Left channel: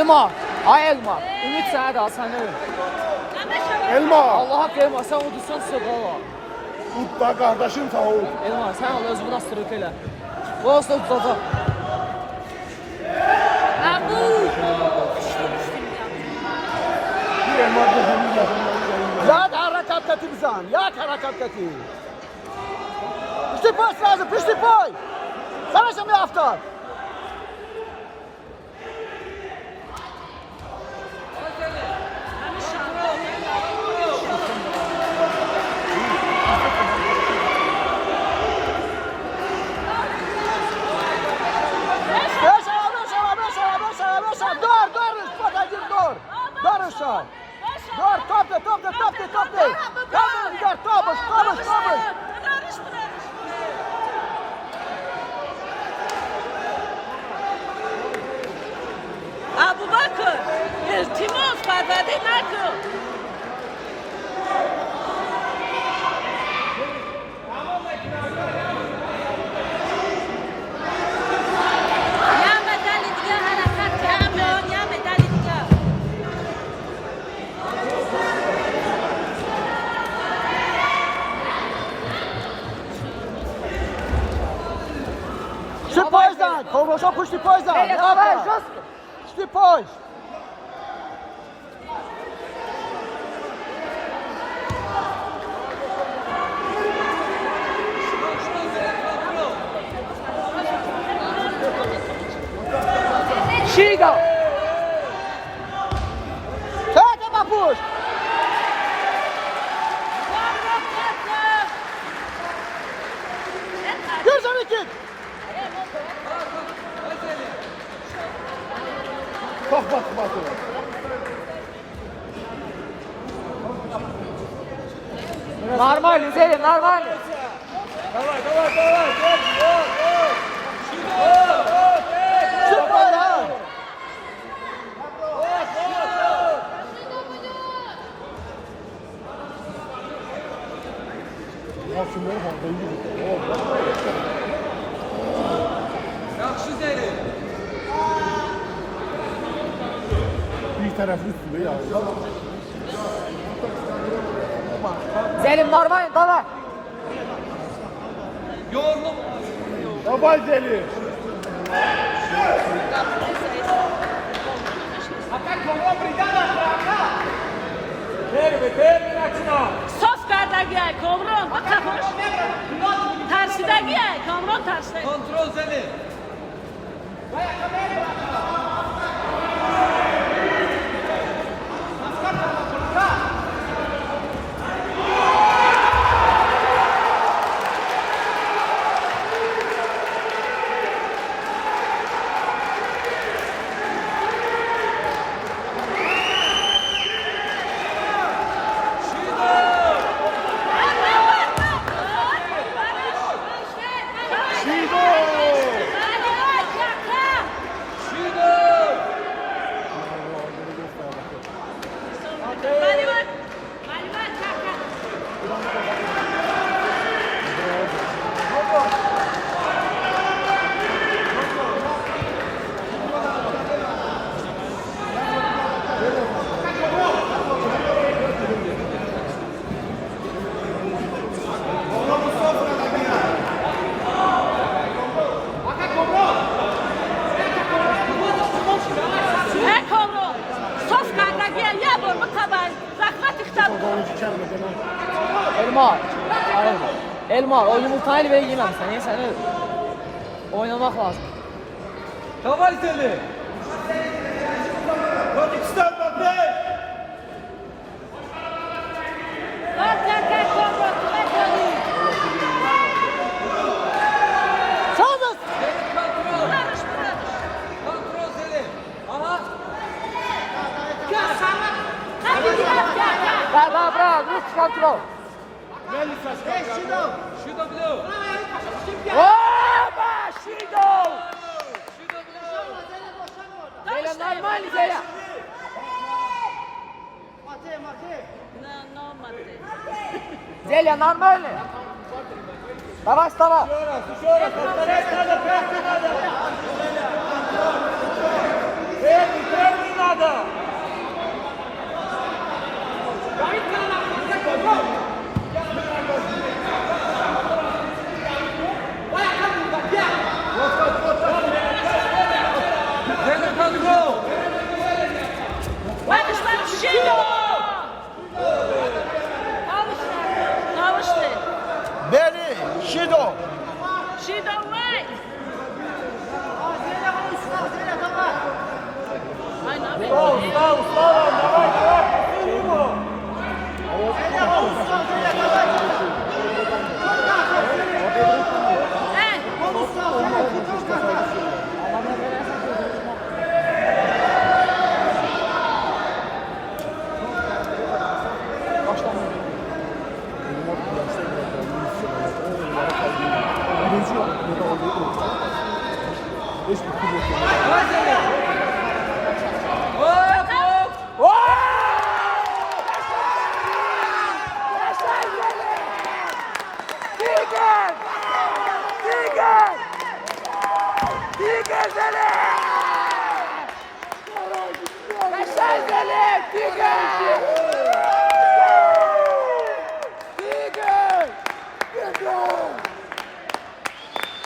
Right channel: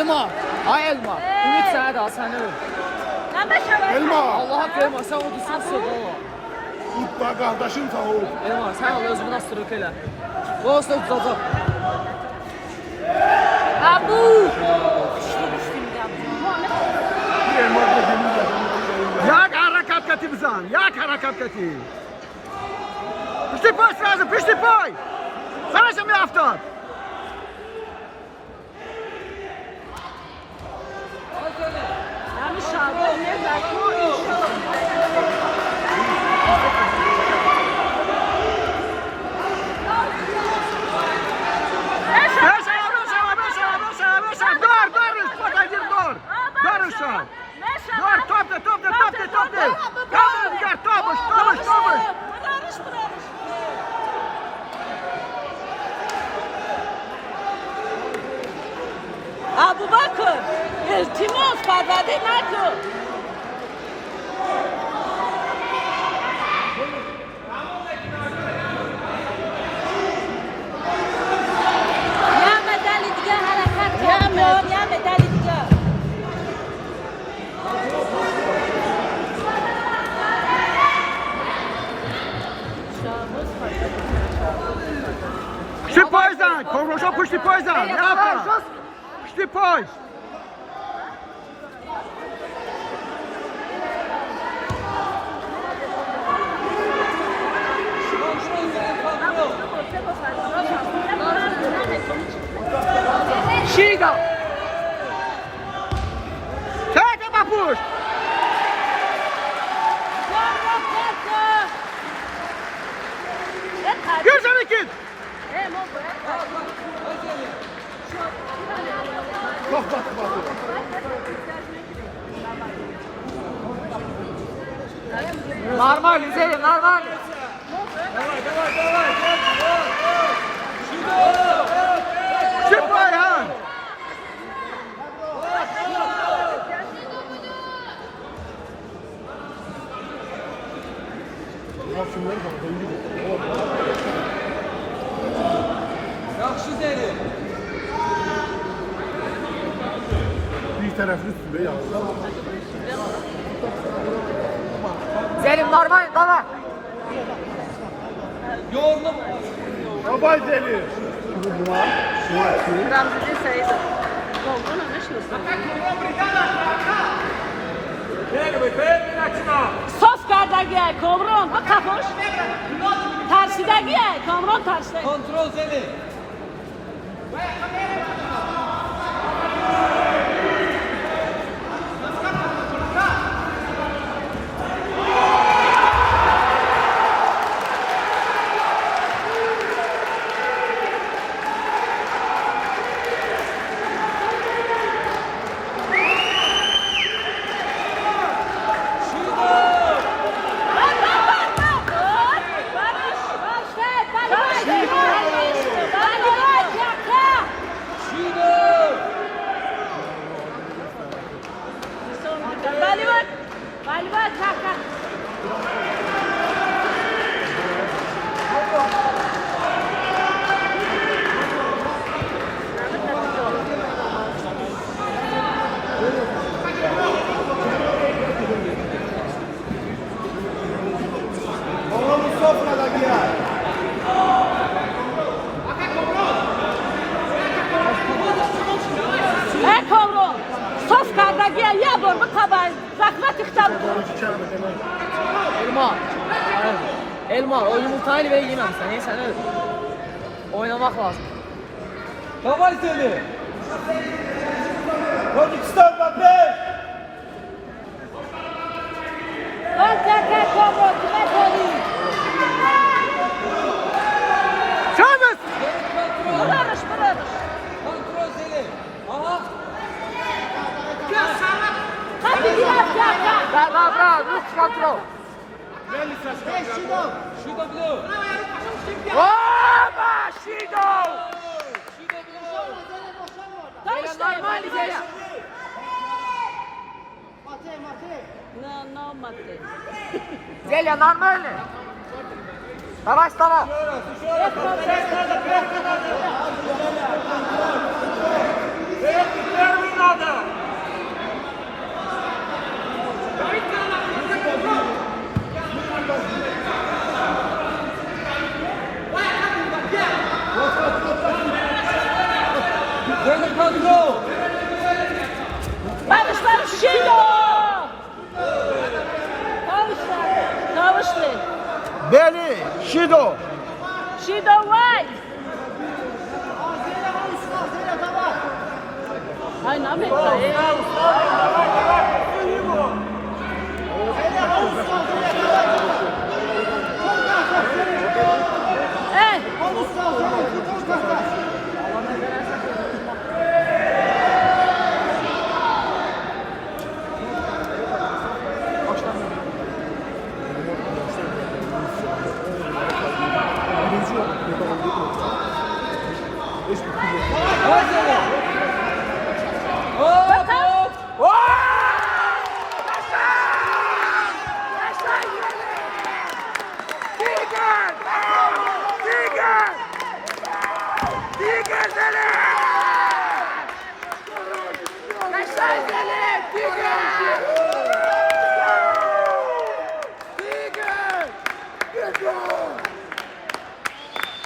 Elma, ay elma. Ümit sənə də sənə öl. Elma. Allaha qıyma, sən udursan soğala. Udda qardaşım sağ ol. Elma, sən al özünü astırıq elə. Bu olsa udacaq. Abu. Jak harakat katibzan, jak harakat katib. Pişti poj sразу, pişti poj. Sana się miaftar. Dur, topla. Kaldır Nigar, topuş. Abu Bakır, iltimos parvade nakın. Ya medali diye hareket yapıyor, ya medali diye. Pişti pojdan, kovroşa pişti pojdan. Ne yaptın? Pişti poj. Şiga. Czekaj, papuś. Gürcan ikin. Bak. Normal, güzelim, normal. Çık Bayhan. Yaxşı derim. Bir taraflı üstünde ya. Zelim, normal, tamam. Yorulub. Babay deli. Sos kardeşe, kovron, bak kapuş. Tersideki, kovron tersideki. Kontrol seni. Elma, o yumurtayla böyle yememişsin. Neyse, öyle. Oynamak lazım. Davay seni. Kırgızistan bakın. Çağız. Kontrol seni. Aha. Bravo, üst kontrol. Şurada blue. Oba, Şigo! Şurada blue. Zelim, normal, Zelim. No, mate. Zelim, normal. Давай, вставай. Kontrol. Yavaş Zeli. Hop hop. Tiger Zeli!